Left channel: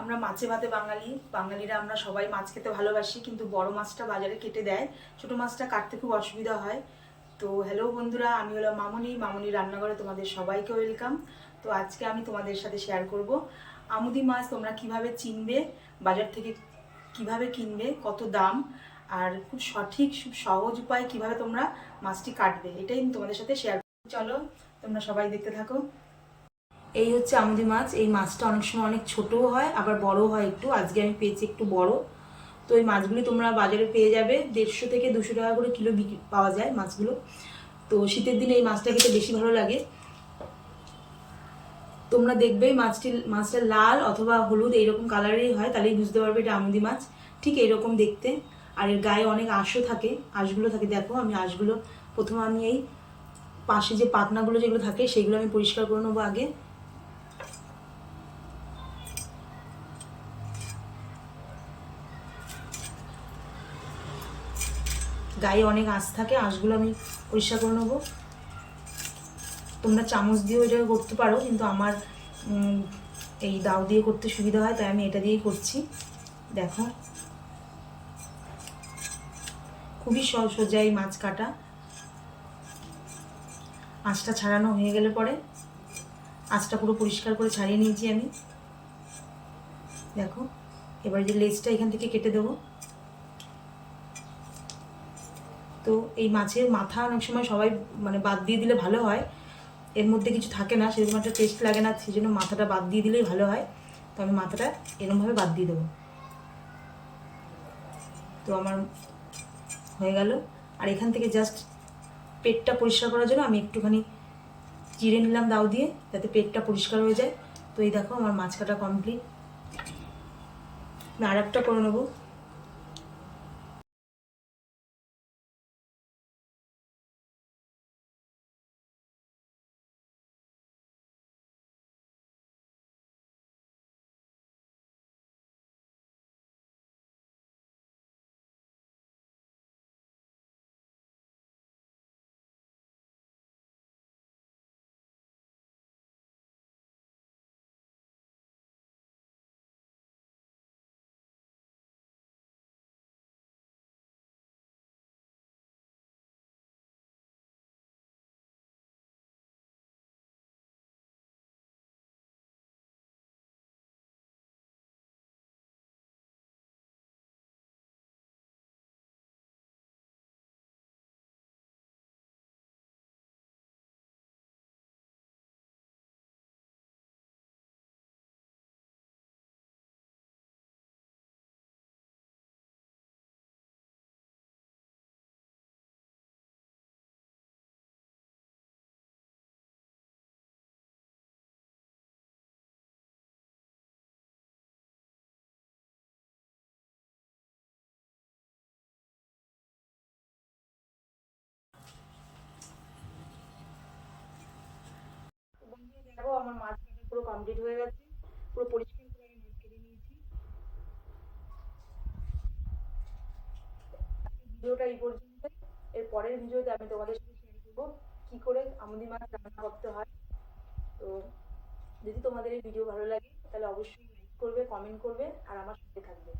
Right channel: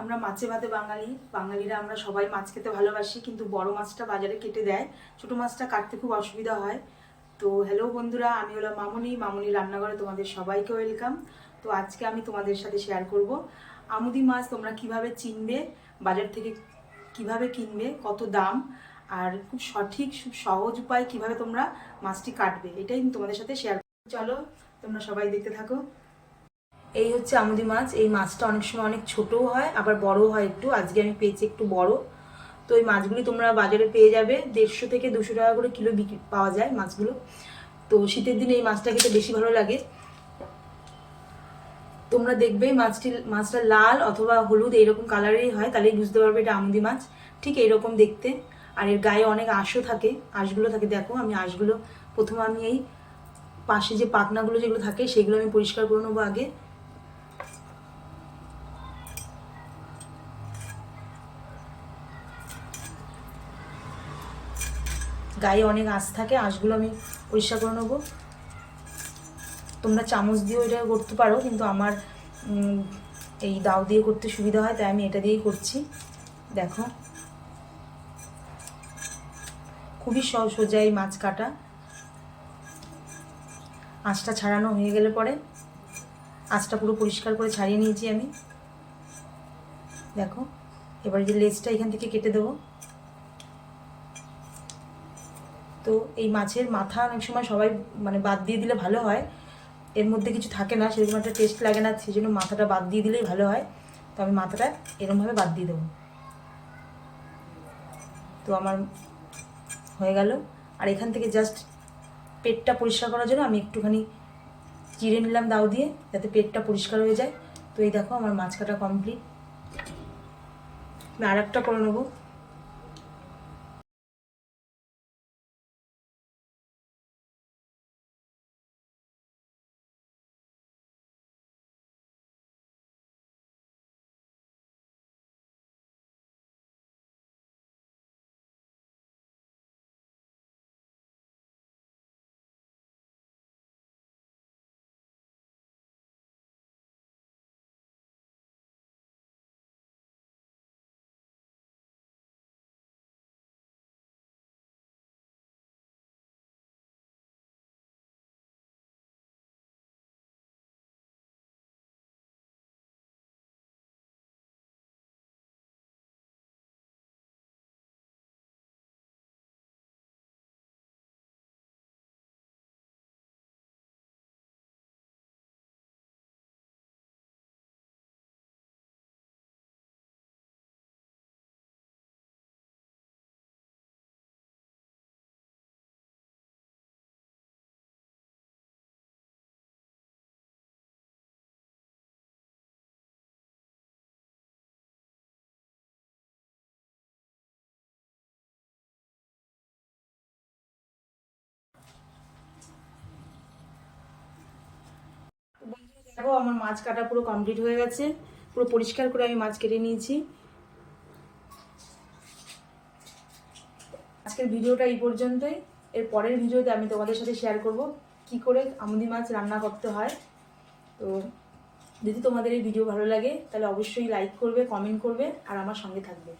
আমরা মাছে ভাতে বাঙালি, বাঙালিরা আমরা সবাই মাছ খেতে ভালোবাসি, কিন্তু বড় মাছটা বাজারে কেটে দেয়। ছোট মাছটা কাটতে খুব অসুবিধা হয়। তো হ্যালো বন্ধুরা, আমি হলো মামনি। মামনি রান্নাঘরে তোমাদের সবাইকে ওয়েলকাম তো আজকে আমি তোমাদের সাথে শেয়ার করব। আমুদি মাছ তোমরা কীভাবে চিনবে, বাজার থেকে কীভাবে কিনবে, কত দাম, আর খুব সঠিক সহজ উপায় কীভাবে তোমরা মাছটি কাটবে, এটাই তোমাদের সাথে শেয়ার চলো, তোমরা সবাই দেখতে থাকো। এই হচ্ছে আমুদি মাছ। এই মাছটা অনেক সময় অনেক ছোটও হয়, আবার বড়ও হয় একটু। আজকে আমি পেয়েছি একটু বড়। তো এই মাছগুলি তোমরা বাজারে পেয়ে যাবে। দেড়শো থেকে দুশো টাকা করে কিলো বিক্রি পাওয়া যায় মাছগুলো। তো শীতের দিনে এই মাছটা খেতে বেশি ভালো লাগে। তোমরা দেখবে মাছটি, মাছটা লাল অথবা হলুদ এইরকম কালারেরই হয়, তাহলেই বুঝতে পারবে এটা আমুদি মাছ। ঠিক এইরকম দেখতে। আর এর গায়ে অনেক আঁশও থাকে, আঁশগুলো থাকে। দেখো, আমি আঁশগুলো, প্রথমে আমি এই পাশে যে পাখনাগুলো যেগুলো থাকে, সেগুলো আমি পরিষ্কার করে নেব আগে। গায়ে অনেক আঁশ থাকে আঁশগুলো আমি পরিষ্কার করে নেব। তোমরা চামচ দিয়েও এটা করতে পারো, কিন্তু আমার এই দাও দিয়ে করতে সুবিধা হয়, তাই আমি এটা দিয়েই করছি। দেখো। খুবই সোজা এই মাছ কাটা। আঁচটা ছাড়ানো হয়ে গেলে পরে আঁচটা পুরো পরিষ্কার করে ছাড়িয়ে নিয়েছি আমি। দেখো, এবার যে লেজটা এখান থেকে কেটে দেবো। তো এই মাছের মাথা অনেক সময় সবাই মানে বাদ দিয়ে দিলে ভালো হয়। এর মধ্যে কিছু থাকে না, সেরকম একটা টেস্ট লাগে না সেই জন্য মাথাটা বাদ দিয়ে দিলেই ভালো হয়। তো আমি মাথাটা এরমভাবে বাদ দিয়ে দেবো। তো আমার হয়ে গেল। আর এখান থেকে জাস্ট পেটটা পরিষ্কার করার জন্য আমি একটুখানি চিড়ে নিলাম দাও দিয়ে, যাতে পেটটা পরিষ্কার হয়ে যায়। তো এই দেখো আমার মাছ কাটা কমপ্লিট আর একটা করে নেব। আমার মাছ কাটা পুরো কমপ্লিট হয়ে গেছে। পুরো পরিষ্কার করে আমি মাছ কেটে নিয়েছি। আজকের ভিডিওটা এই পর্যন্তই। এর পরের ভিডিওতে আমি তোমাদের সাথে শেয়ার করব কি করে আমুদি মাছ রান্না করতে হয়। তো যদি তোমাদের এই ভিডিও ভালো লাগে, তাহলে অবশ্যই লাইক করবে কমেন্ট করবে, আর আমার সঙ্গে থাকবে।